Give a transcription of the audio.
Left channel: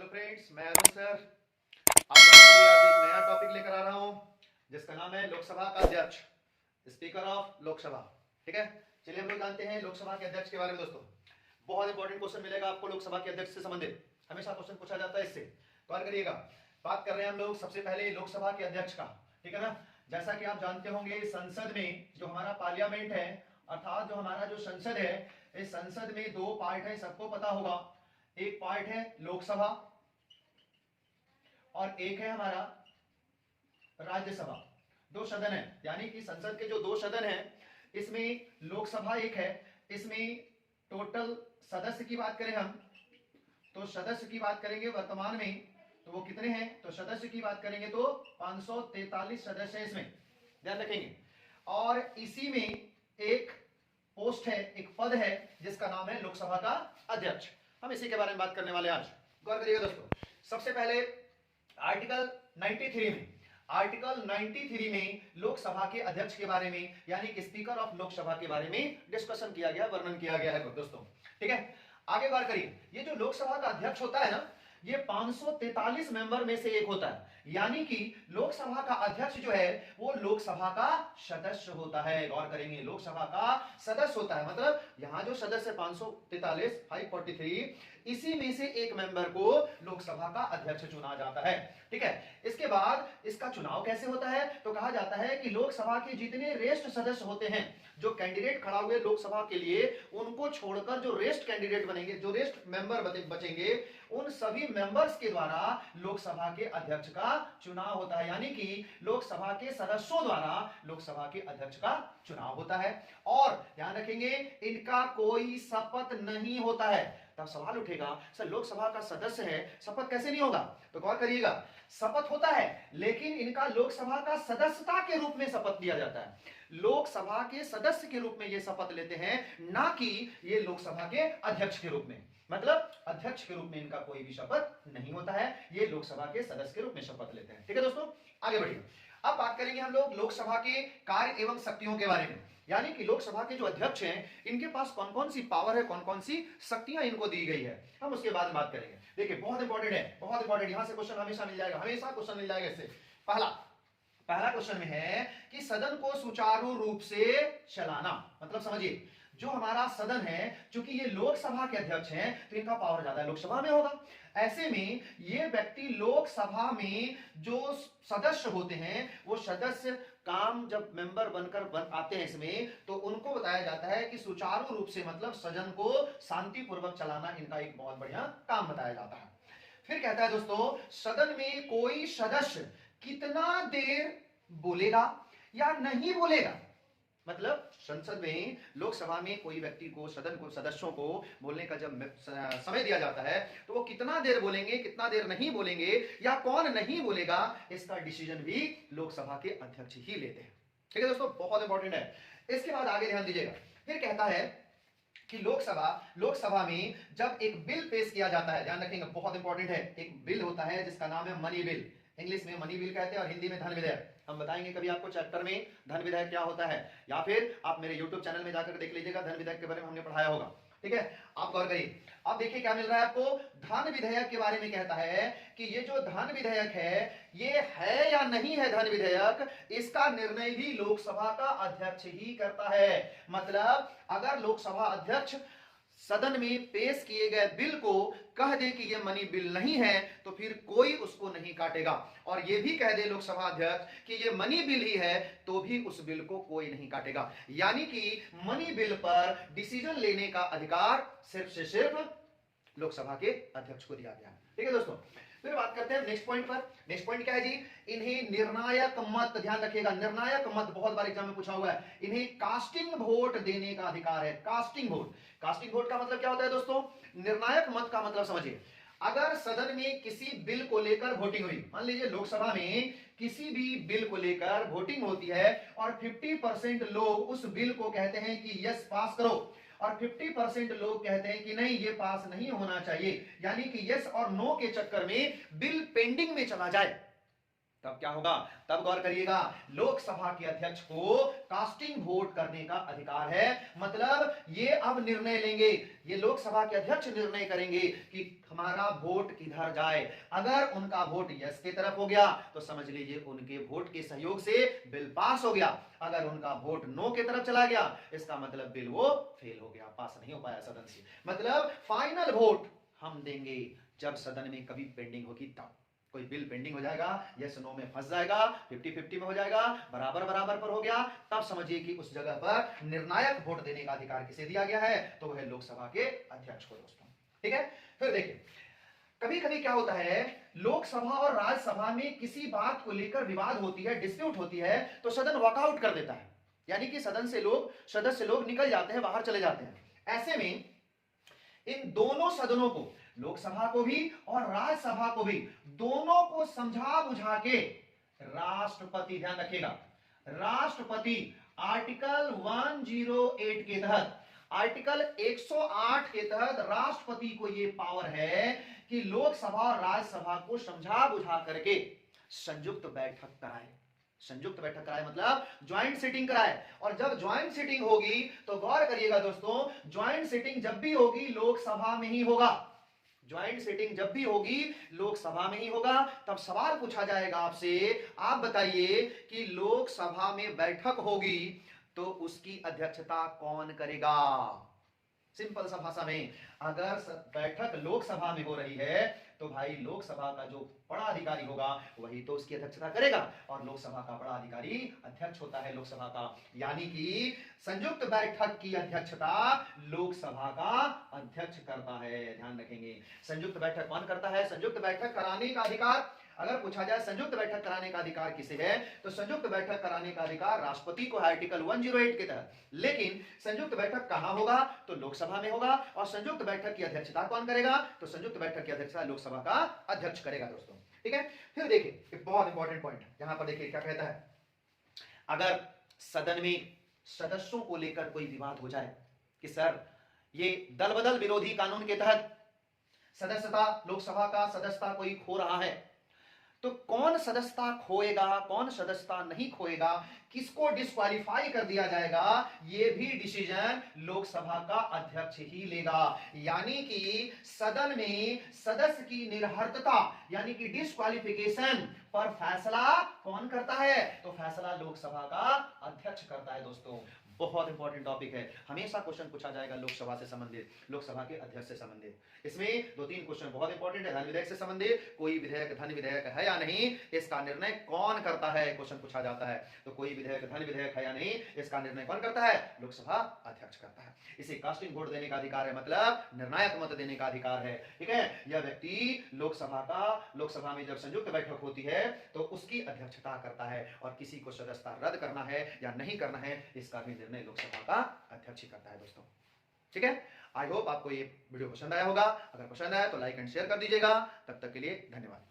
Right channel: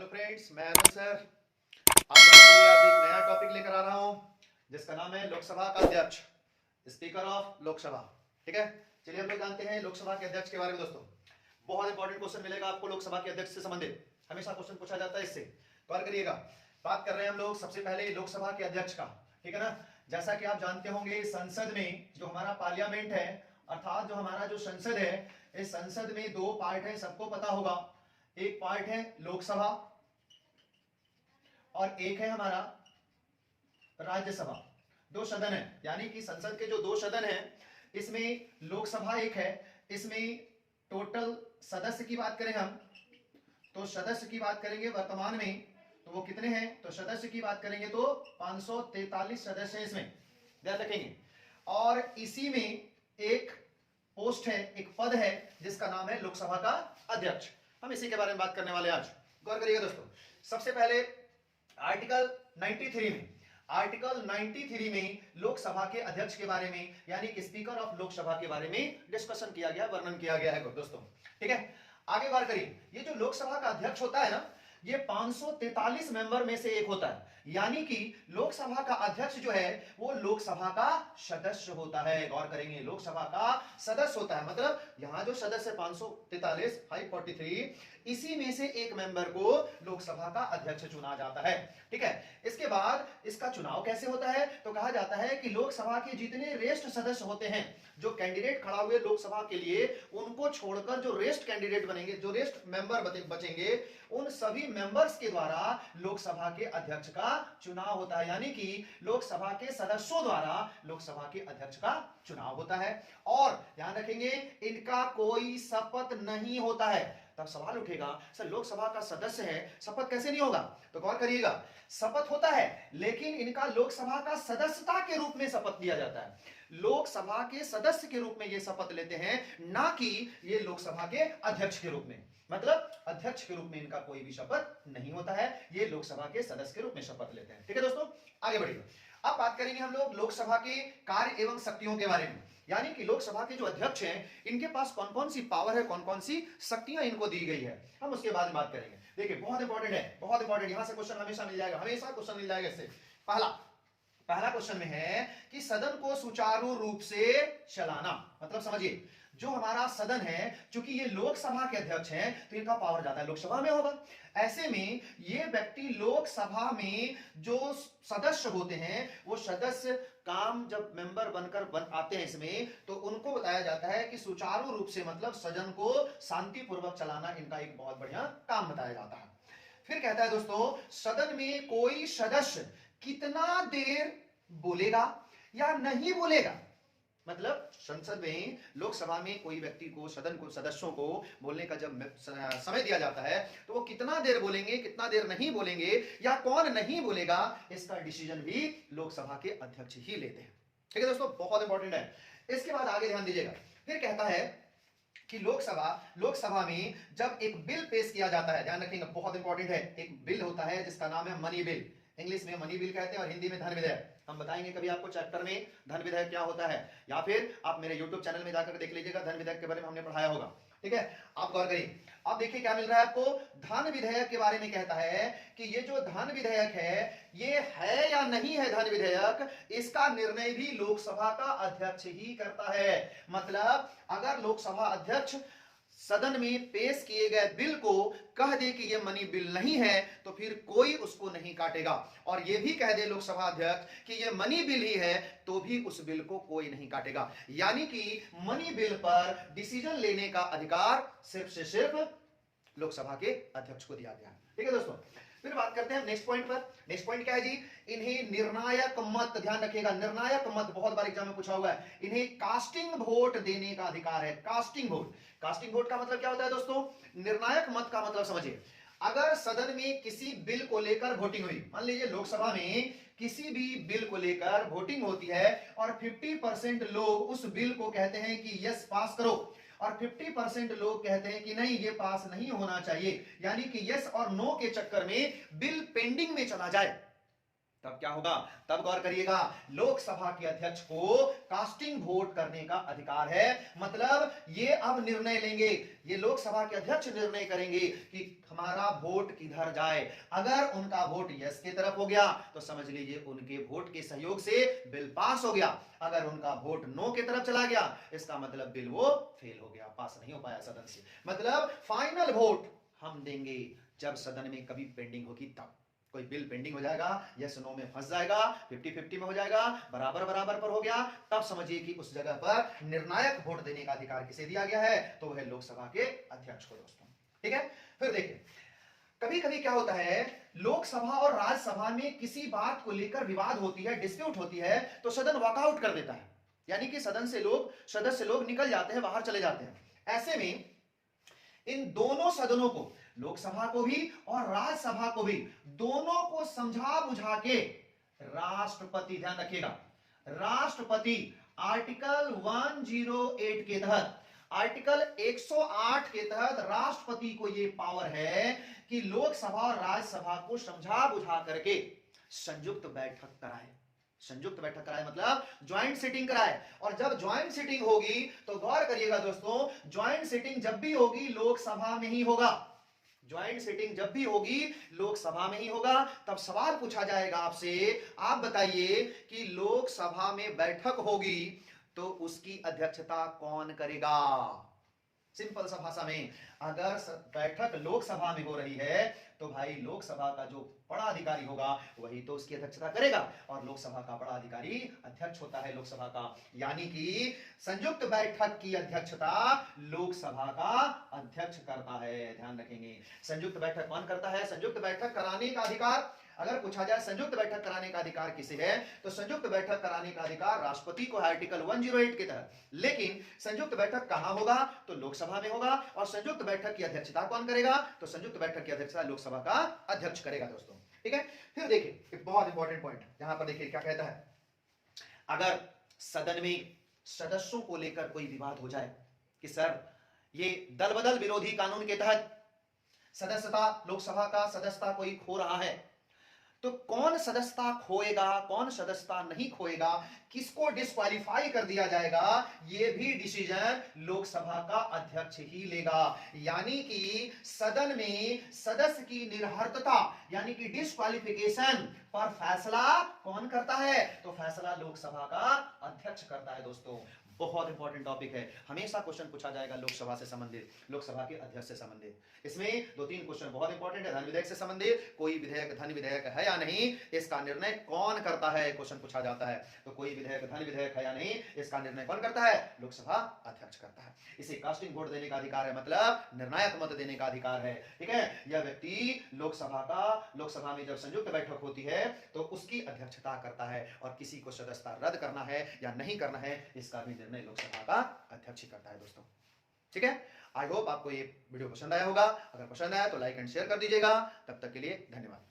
Hello friends, मैं Arun sir आप लोगों के लिए आज एक नया टॉपिक लेकर आ रहा हूं जिसका नाम है लोकसभा का अध्यक्ष, स्पीकर ऑफ लोकसभा। ठीक है, चलिए हम लोग जानते हैं लोकसभा के अध्यक्ष के बारे में। दोस्तों, बहुत इंपॉर्टेंट क्वेश्चन मिलेगा आपको लोकसभा के अध्यक्ष से संबंधित, हमेशा क्वेश्चन पूछा जाता है, इससे गौर करिएगा। बात कर रहे हैं हम लोग सबसे पहले लोकसभा के अध्यक्ष का। ठीक है ना, जैसा कि आप जानते होंगे संसद में जो हमारा पार्लियामेंट है, अर्थात जो हमारा जो संसद है, इस संसद में दो पार्ट है, सबको पता होगा। एक पार्ट है लोकसभा और एक है हमारा राज्यसभा। दो सदन है, यानी कि संसद के जो दो सदन हैं, इसमें लोकसभा एक है। इसमें टोटल सदस्य की बात करें हम, तो सदस्य की बात करेंगे वर्तमान में तो वो कितने हैं, तो सदस्य की बात करेंगे तो 543 सदस्य हैं, इसमें ध्यान रखेंगे। और इसी में एक पोस्ट है, एक पद है जिसका नाम है लोकसभा का अध्यक्ष। हम इसी के बारे में बात करने वाले आज। गौर करिएगा दोस्तों, सबसे पहले आर्टिकल 93 में लोकसभा के अध्यक्ष के बारे में, यानी कि स्पीकर ऑफ लोकसभा के बारे में डिस्कशन किया गया, वर्णन किया गया है दोस्तों। ठीक है, आगे बात करिए। ये जो लोकसभा का अध्यक्ष होता है ना, ये 543 मेंबर में से एक होता है, यानी कि लोकसभा का अध्यक्ष जो है वो लोकसभा का सदस्य होता है। गौर करेंगे, लोकसभा का सदस्य होता है, मतलब यहां जो सदस्य 543 543, इसी में से एक मेंबर को लोकसभा का अध्यक्ष चुना जाता है। ठीक है, इसके बाद इसका चुनाव कैसे होता है, तो कहा जाता है कि लोकसभा के जितने रेस्ट सदस्य होते हैं, जो कैंडिडेट खड़ा हुए लोकसभा के लिए, उनको छोड़कर जो रेस्ट कैंडिडेट बनेंगे, जो रेस्ट मेंबर बचेंगे, उन सभी मेंबर्स के द्वारा लोकसभा के अध्यक्ष का चुनाव होता है। यानी कि लोकसभा के सदस्यों द्वारा लोकसभा के अध्यक्ष का चुनाव होता है। और ध्यान रखेंगे, इनका कोई शपथ नहीं होता है। तब सवाल उठेगा, सर लोकसभा का सदस्य है, शपथ कैसे नहीं होगा? तो गौर करिएगा, शपथ होता है, लेकिन इनका लोकसभा का सदस्यता के रूप में शपथ लिया जाता है। लोकसभा के सदस्य के रूप में ये शपथ लेते हैं, ना कि ये लोकसभा के अध्यक्ष के रूप में। मतलब अध्यक्ष के रूप में इनका कोई भी शपथ नहीं होता है, ये लोकसभा के सदस्य के रूप में शपथ लेते हैं। ठीक है दोस्तों, आगे बढ़िए। अब बात करेंगे हम लोग लोकसभा के कार्य एवं शक्तियों के बारे में, यानी कि लोकसभा के जो अध्यक्ष हैं, इनके पास कौन कौन सी पावर है, कौन कौन सी शक्तियां इनको दी गई है, हम उसके बाद में बात करेंगे। देखिए, बहुत इंपॉर्टेंट है, बहुत इंपॉर्टेंट, यहां से क्वेश्चन हमेशा मिल जाएगा, हमेशा क्वेश्चन मिल जाएगा इससे। पहला क्वेश्चन में है कि सदन को सुचारू रूप से चलाना, मतलब समझिए, जो हमारा सदन है, चूंकि ये लोकसभा के अध्यक्ष हैं, तो इनका पावर ज्यादा लोकसभा में होगा। ऐसे में ये व्यक्ति लोकसभा में जो सदस्य होते हैं, वो सदस्य काम जब मेंबर बनकर आते हैं इसमें, तो उनको बताया जाता है कि सुचारू रूप से, मतलब सदन को शांतिपूर्वक चलाना इनका एक बहुत बढ़िया काम बताया जाता है। फिर कहता है दोस्तों, सदन में कोई सदस्य कितना देर बोलेगा या नहीं बोलेगा, मतलब संसद में, लोकसभा में कोई व्यक्ति को, सदन को, सदस्यों को बोलने का जब समय दिया जाता है, तो वो कितना देर बोलेंगे, कितना देर नहीं बोलेंगे, या कौन नहीं बोलेगा, इसका डिसीजन भी लोकसभा के अध्यक्ष ही लेते हैं। ठीक है दोस्तों, बहुत इंपॉर्टेंट है। इसके बाद आगे ध्यान दीजिएगा, फिर कहता है कि लोकसभा में जब एक बिल पेश किया जाता है, ध्यान रखेंगे, बहुत इंपॉर्टेंट है, एक बिल होता है जिसका नाम है मनी बिल, इंग्लिश में मनी बिल कहते हैं और हिंदी में धन विधेयक। हम बताएंगे कभी आपको चैप्टर में धन विधेयक क्या होता है, या फिर आप मेरे YouTube चैनल में जाकर देख लीजिएगा, धन विधेयक के बारे में हमने पढ़ाया होगा। ठीक है, आप गौर करिए। अब देखिए क्या मिल रहा है आपको, धन विधेयक के बारे में कहता है कि ये जो धन विधेयक है, ये है या नहीं है धन विधेयक, इसका निर्णय भी लोकसभा का अध्यक्ष ही करता है। मतलब अगर लोकसभा अध्यक्ष सदन में पेश किए गए बिल को कह दे कि यह मनी बिल नहीं है, तो फिर कोई उसको नहीं काटेगा। और यह भी कह दे लोकसभा अध्यक्ष कि यह मनी बिल ही है, तो भी उस बिल को कोई नहीं काटेगा। यानी कि मनी बिल पर डिसीजन लेने का अधिकार सिर्फ से सिर्फ लोकसभा के अध्यक्ष को दिया गया है। ठीक है दोस्तों, फिर बात करते हैं नेक्स्ट पॉइंट पर। नेक्स्ट पॉइंट क्या है जी, इन्हें निर्णायक मत, ध्यान रखिएगा, निर्णायक मत बहुत बार एग्जाम में पूछा हुआ है, इन्हें कास्टिंग वोट देने का अधिकार है। कास्टिंग वोट, कास्टिंग वोट का मतलब क्या होता है दोस्तों, निर्णायक मत का मतलब समझिए, अगर सदन में किसी बिल को लेकर वोटिंग हुई, मान लीजिए लोकसभा में किसी भी बिल को लेकर वोटिंग होती है और 50% लोग उस बिल को कहते हैं कि यस पास करो, और 50% लोग कहते हैं कि नहीं ये पास नहीं होना चाहिए, यानी कि यस और नो के चक्कर में बिल पेंडिंग में चला जाए, तब क्या होगा, तब गौर करिएगा, लोकसभा के अध्यक्ष को कास्टिंग वोट करने का अधिकार है। मतलब ये अब निर्णय लेंगे, ये लोकसभा के अध्यक्ष निर्णय करेंगे कि हमारा वोट किधर जाए। अगर उनका वोट यस की तरफ हो गया तो समझ लीजिए उनके वोट के सहयोग से बिल पास हो गया। अगर उनका वोट नो की तरफ चला गया इसका मतलब बिल वो फेल हो गया, पास नहीं हो पाया सदन से। मतलब फाइनल वोट हम देंगे जब सदन में कभी पेंडिंग होगी तब। कोई बिल पेंडिंग हो जाएगा, यस नो में फंस जाएगा, 50-50 में हो जाएगा, बराबर बराबर पर हो गया, तब समझिए कि उस जगह पर निर्णायक वोट देने का अधिकार किसे दिया गया है, तो वह लोकसभा के अध्यक्ष को दोस्तों। ठीक है, फिर देखिए कभी कभी क्या होता है, लोकसभा और राज्यसभा में किसी बात को लेकर विवाद होती है, डिस्प्यूट होती है, तो सदन वॉकआउट कर देता है, यानी कि सदन से लोग, सदस्य लोग निकल जाते हैं, बाहर चले जाते हैं। ऐसे में इन दोनों सदनों को, लोकसभा को भी और राज्यसभा को भी, दोनों को समझा बुझा के राष्ट्रपति, ध्यान रखिएगा, राष्ट्रपति आर्टिकल 108 के तहत, आर्टिकल 108 के तहत राष्ट्रपति को यह पावर है कि लोकसभा और राज्यसभा को समझा बुझा करके संयुक्त बैठक कराए। संयुक्त बैठक कराए मतलब ज्वाइंट सीटिंग कराए। और जब ज्वाइंट सीटिंग होगी तो गौर करिएगा दोस्तों, ज्वाइंट सीटिंग जब भी होगी लोकसभा में ही होगा। ज्वाइंट सीटिंग जब भी होगी लोकसभा में ही होगा। तब सवाल पूछा जाएगा आपसे, आप बताइए कि लोकसभा में बैठक होगी तो उसकी अध्यक्षता कौन करेगा। सिंपल सा भाषा में, अगर बैठक लोकसभा में हो रही है तो भाई लोकसभा का जो बड़ा अधिकारी होगा वही तो उसकी अध्यक्षता करेगा, और लोकसभा का बड़ा अधिकारी अध्यक्ष होता है लोकसभा का। यानी कि संयुक्त बैठक की अध्यक्षता लोकसभा का अध्यक्ष करता है, ध्यान रखेंगे। संयुक्त बैठक कौन करता है, संयुक्त बैठक कराने का अधिकार, अगर पूछा जाए संयुक्त बैठक कराने का अधिकार किसे है, तो संयुक्त बैठक कराने का अधिकार राष्ट्रपति को है आर्टिकल 108 के तहत। लेकिन संयुक्त बैठक कहां होगा, तो लोकसभा में होगा। और संयुक्त बैठक की अध्यक्षता कौन करेगा, तो संयुक्त बैठक की अध्यक्षता लोकसभा का अध्यक्ष करेगा दोस्तों। ठीक है, फिर देखिए एक बहुत इंपॉर्टेंट पॉइंट यहां पर देखिए क्या कहता है, अगर सदन में सदस्यों को लेकर कोई विवाद हो जाए कि सर ये दल बदल विरोधी कानून के तहत सदस्यता, लोकसभा का सदस्यता कोई खो रहा है, तो कौन सदस्यता खोएगा, कौन सदस्यता नहीं खोएगा, किसको डिस्क्वालीफाई कर दिया जाएगा, यह भी डिसीजन लोकसभा का अध्यक्ष ही लेगा। यानी कि सदन में सदस्य की निर्हर्तता यानी कि डिस्क्वालिफिकेशन पर फैसला कौन करता है, तो फैसला लोकसभा का अध्यक्ष करता है दोस्तों। बहुत इंपॉर्टेंट टॉपिक है, हमेशा क्वेश्चन पूछा जाएगा लोकसभा से संबंधित, लोकसभा के अध्यक्ष से संबंधित। इसमें 2-3 क्वेश्चन बहुत इंपॉर्टेंट है। धन विधेयक से संबंधित, कोई विधेयक धन विधेयक है या नहीं, इसका निर्णय कौन करता है, क्वेश्चन पूछा जाता है। तो कोई विधेयक धन विधेयक है या नहीं, इसका निर्णय कौन करता है, लोकसभा अध्यक्ष करता है। इसे कास्टिंग वोट देने का अधिकार है, मतलब निर्णायक मत देने का अधिकार है। ठीक है, यह व्यक्ति लोकसभा में जब संयुक्त बैठक होती है तो उसकी अध्यक्षता करता है, और किसी को सदस्यता रद्द करना है या नहीं करना है इसका भी निर्णय लोकसभा का अध्यक्ष ही करता है दोस्तों। ठीक है, आई होप आपको ये वीडियो पसंद आया होगा। अगर पसंद आया तो लाइक एंड शेयर कर दीजिएगा। तब तक के लिए धन्यवाद।